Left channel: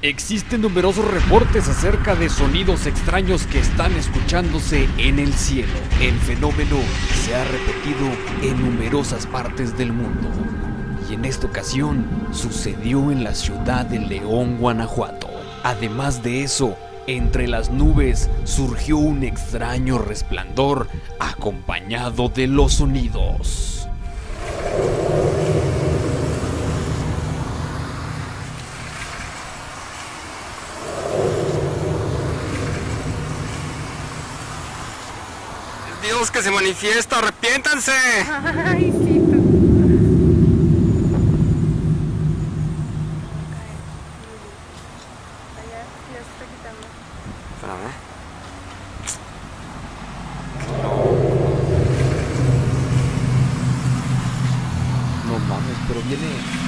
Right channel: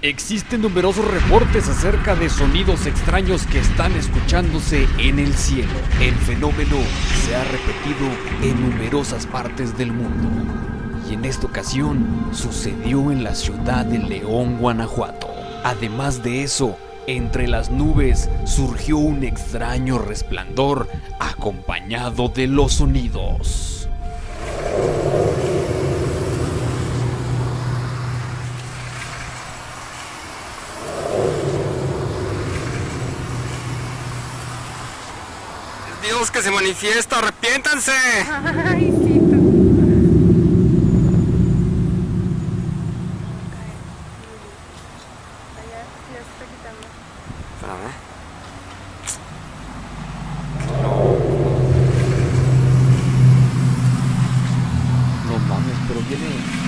Existen numerosos reportes acerca de sonidos extraños que están escuchándose en el cielo. El fenómeno se ha repetido en numerosas partes del mundo. Y en esta ocasión sucedió en la ciudad de León, Guanajuato. Además de eso, entre las nubes surgió un extraño resplandor acompañado de los sonidos. Dios que se manifiesta, arrepiéntanse. Ay, sí, tú. Allá, ya se está quitando. Espérame. No mames, pero viene